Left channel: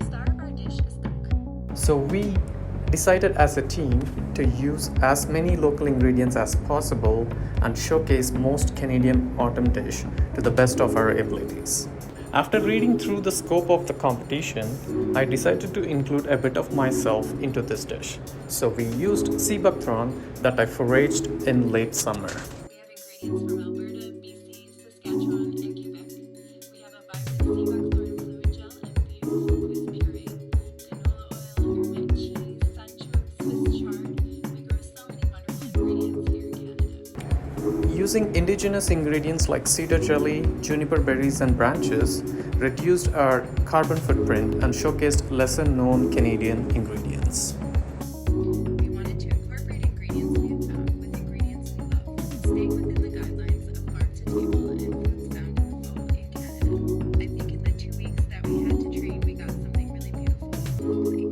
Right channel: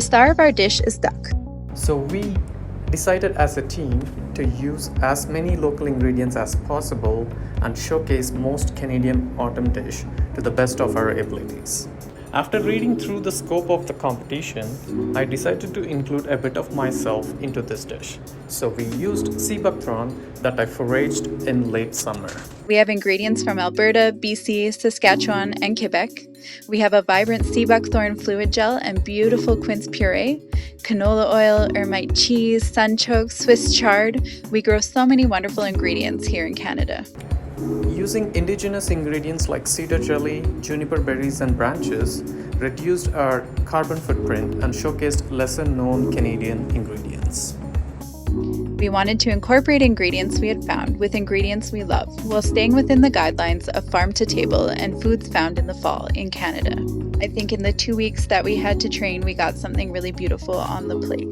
The star of our dish is duck. So we decided as a team to use as many local ingredients as possible and showcase most Canadian autumn dish to the best of our abilities. After reading through the scope of the competition, I decided to include a bit of myself into this dish. So we used sea buckthorn that I foraged in late summer. We have ingredients from Alberta, BC, Saskatchewan, and Quebec. We have a vibrant sea buckthorn fluid gel and beautiful quince puree, canola oil, ermite cheese, sunchoke, Swiss chard. We grow so many wonderful ingredients here in Canada. Using indigenous ingredients like cedar jelly, juniper berries, and branches reduced our carbon footprint and showcased lesser known Canadian ingredients. We wanted to incorporate ingredients we had found with ingredients we love, while staying within the guidelines of farm to table and foods found in the fall in Canada. I think in the 2 weeks that we had to train, we got something really beautiful on the plate.